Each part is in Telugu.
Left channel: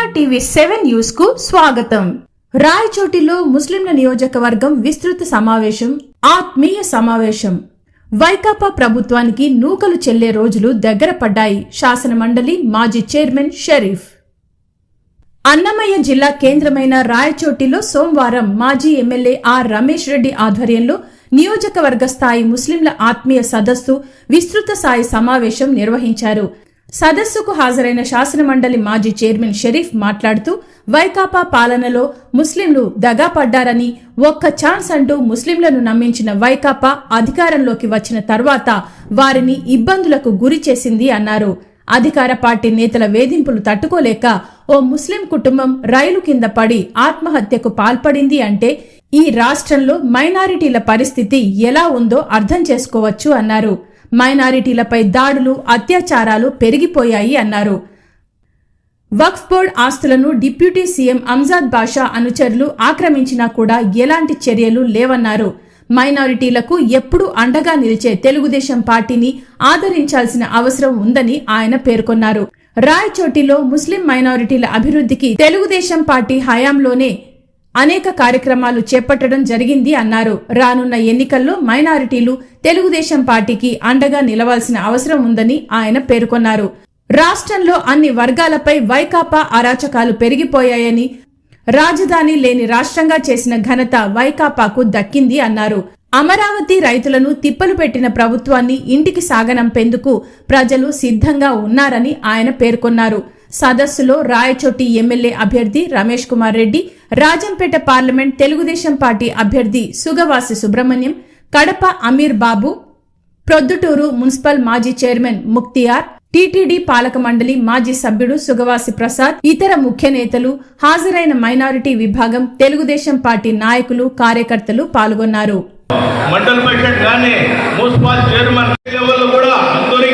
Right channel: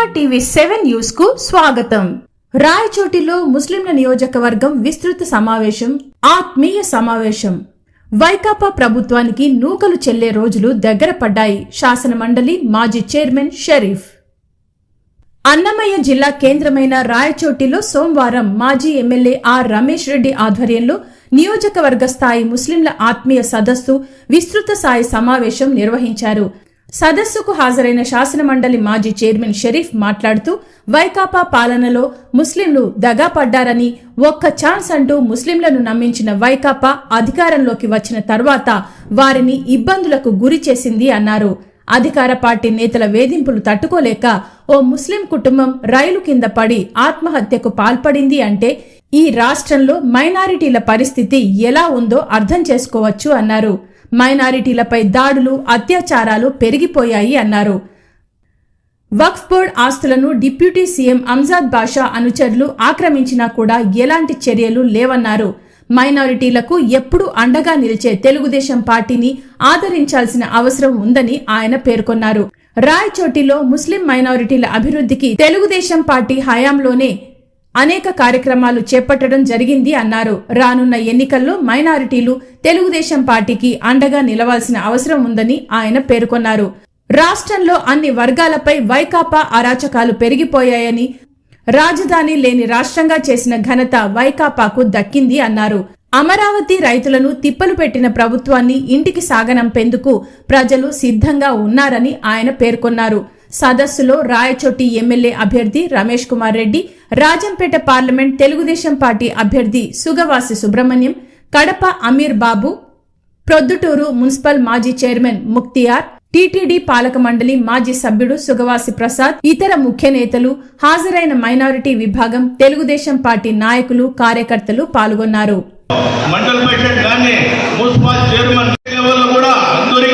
ఎన్ఆర్ టీవీ సెవెన్ న్యూస్కు స్వాగతం. రాయచోటిలో ముస్లింల నియోజకవర్గం విస్తృత సమావేశం ఆత్మీయ సమావేశం. వైకాపా ప్రభుత్వానికి నూకలు చెల్లే రోజులు దగ్గర పడ్డాయి. శాసన మండలి మాజీ చైర్మన్ షరీఫ్. అన్నమయ్య జిల్లా కేంద్రమైన రాయచోటిలో సోమవారం మాజీ ఎమ్మెల్యే ఆర్ రమేష్ రెడ్డి ఆధ్వర్యంలో నియోజకవర్గ స్థాయి ముస్లింల ఆత్మీయ సదస్సు విస్తృత స్థాయి సమావేశం నిర్వహించారు. సదస్సుకు హాజరైన శాసనమండలి మాజీ చైర్మన్ షరీఫ్ మాట్లాడుతూ వైకాపా పాలనలో ముస్లింలు దగా పడ్డారని ఒక్క ఛాన్స్ అంటూ ముస్లింలను నమ్మించిన వైకాపా అధికారంలోకి వచ్చిన తర్వాత వారిని ఇబ్బందులకు గురి చేసింది అన్నారు. అధికార పార్టీ నేతల వేధింపులు తట్టుకోలేక ఓ ముస్లిం కుటుంబం రైలు కింద పడి ఆత్మహత్యకు పాల్పడింది అంటే ఈ రాష్ట్రంలో మైనారిటీల పరిస్థితి ఎలా ఉందో అర్థం చేసుకోవచ్చు అన్నారు. మైనారిటీలపై దాడులు అత్యాచారాలు పెరిగిపోయాయి అన్నారు. వక్ఫ్ బోర్డ్ ఆస్తులను డిప్యూటీ సీఎం అంజాద్ బాషా అనుచరులు ఆక్రమించినా కూడా ఎలాంటి చర్యలు లేవన్నారు. మైనారిటీలకు ఎప్పుడూ అండగా నిలిచే తెలుగుదేశం పార్టీని ఆదరించాల్సిన అవసరం ఉందని ఆయన పేర్కొన్నారు. రాయచోటిలో ముస్లిం మైనారిటీల అభివృద్ధికి తెలుగుదేశం పార్టీ హయాంలోనే అనేక కార్యక్రమాలు చేపట్టడం జరిగింది అన్నారు. రానున్న ఎన్నికల్లో మైనారిటీలు తెలుగుదేశం పార్టీకి అండగా నిలవాల్సిన అవసరం ఉందని ఆయన పేర్కొన్నారు. రాష్ట్రంలో అన్ని వర్గాలపై వైకాపా అరాచకాలు పెరిగిపోయాయని రాజధాని లేని రాష్ట్రంగా చేసిన ఘనత వైకాపాకు దక్కింది అన్నారు. అమరావతి రైతులను తిప్పలు పెట్టిన ప్రభుత్వాన్ని ఇంటికి సాగనంపేందుకు ప్రజలు సిద్ధంగా ఉన్నారని ఆయన పేర్కొన్నారు. సదస్సులో రాయచోటి ఎమ్మెల్యే అభ్యర్థి రమేష్ కుమార్ రెడ్డి రాజంపేట పార్లమెంట్ తెలుగుదేశం పార్టీ అభ్యర్థి సుగవాసి సుబ్రహ్మణ్యం కడప అమీర్ బాబు ప్రొద్దుటూరు మున్సిపల్ మాజీ చైర్మన్ ముక్తియార్ టీటీడీ పాలక మండలి మాజీ సభ్యుడు సుగవాసి ప్రసాద్ ఇతర ముఖ్య నేతలు హాజరైన మైనారిటీ విభాగం తెలుగుదేశం పార్టీ నాయకులు కార్యకర్తలు పాల్గొన్నారు. మండల మున్సిపల్ చైర్మన్ కూడా అందరి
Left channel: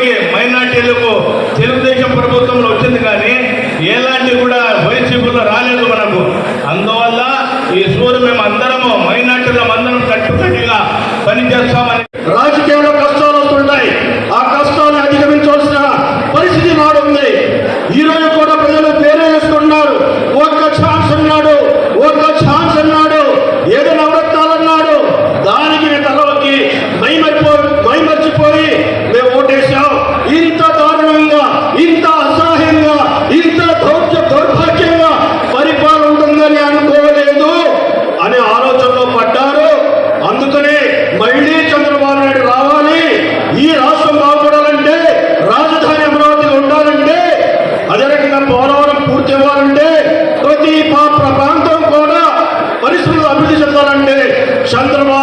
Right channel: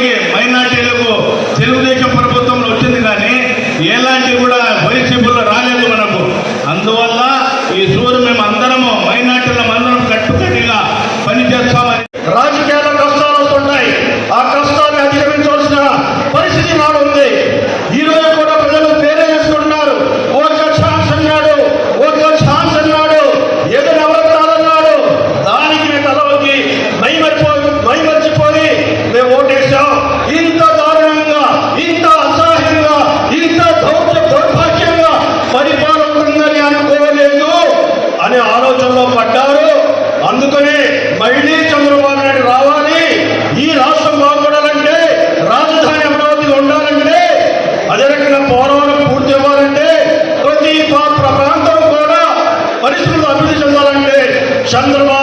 అభివృద్ధి చెందాలంటే చంద్రబాబు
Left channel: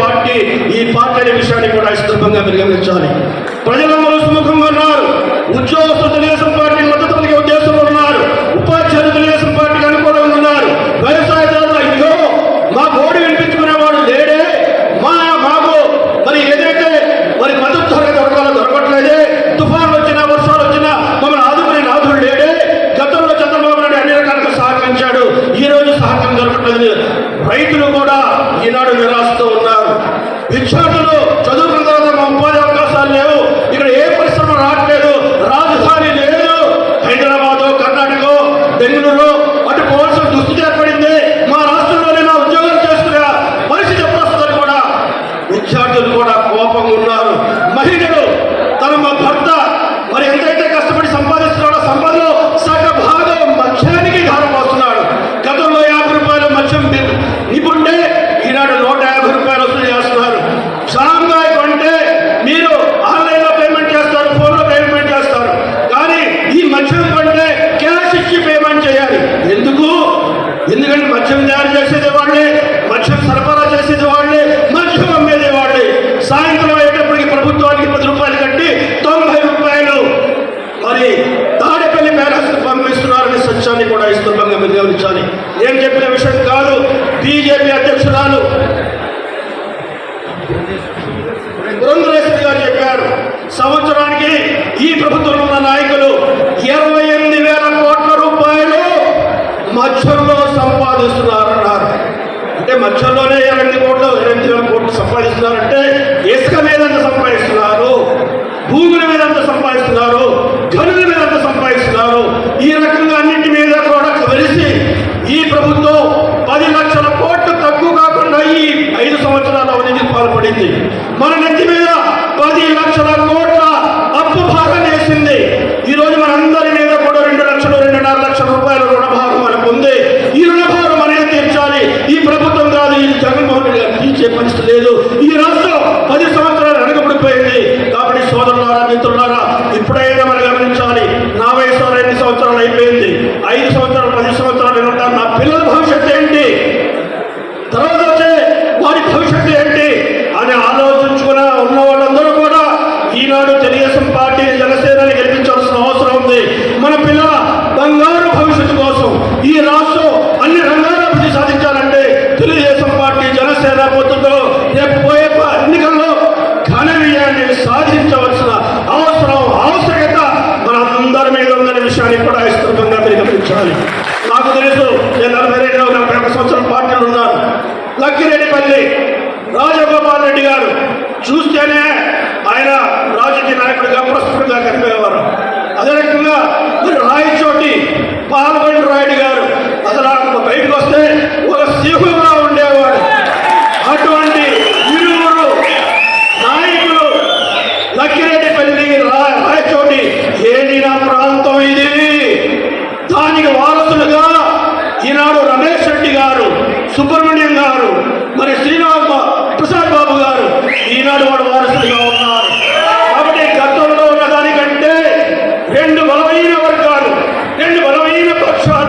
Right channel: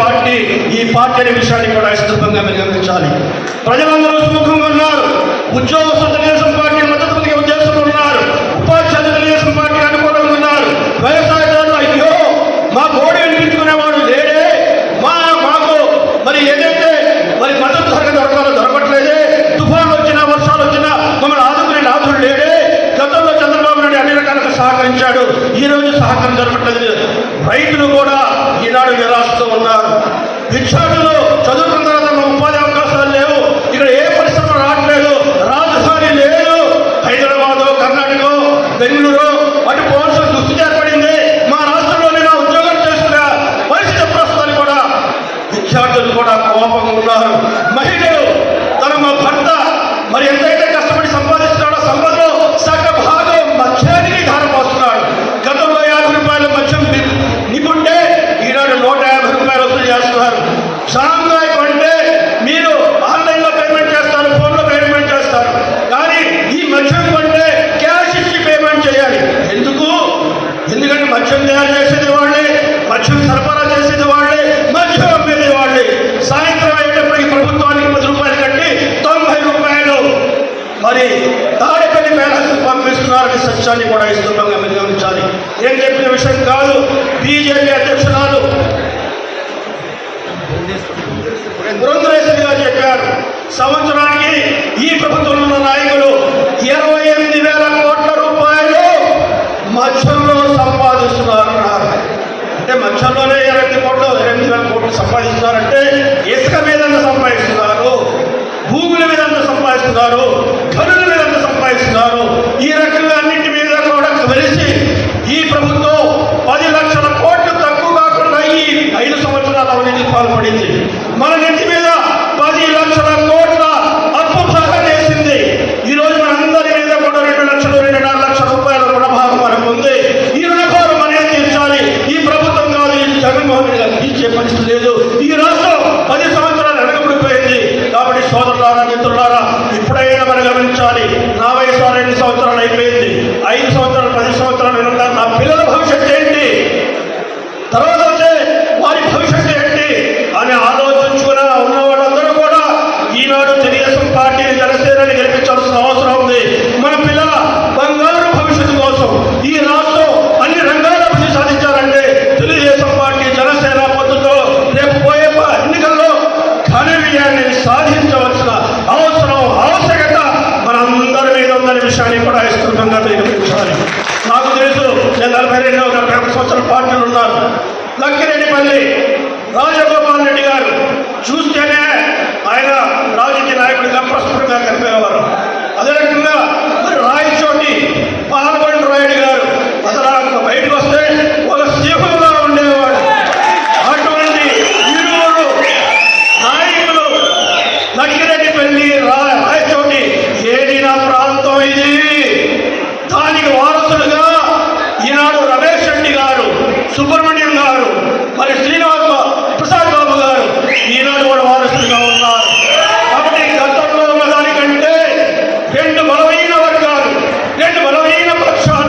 పార్టీ ఈ పార్టీ అనే విషయాన్ని కూడా సందర్భంగా మీరు ప్రజలందరూ సుముఖంగా ఉన్నారు. ఉద్యోగ తెలుగుదేశం పార్టీ మద్దతులకి ఉద్దేశంలో ఉన్నారు. ఉపాధ్యాయులు తెలుగుదేశం పార్టీకి అనుకూలంగా ఉన్నారు. వ్యవసాయదారులు అయ్యో మా ఓడి వినిపించుకునేవాడు లేడే. మా మాకు మరి ఏదైతే మరి మద్దతు ధర ధర్మాలు దొరకట్లేదే. తుఫాన్ వచ్చినా వర్షాలు వచ్చినా మమ్మల్ని ఆదుకునే నాథుడు లేడే. గతంలో చంద్రబాబు నాయుడు అన్ని రకాలుగా సహకరించాడు. ఈ రోజు సహకారం దొరకట్లేదు రైతులు కూడా ఈనాడు నిరాశ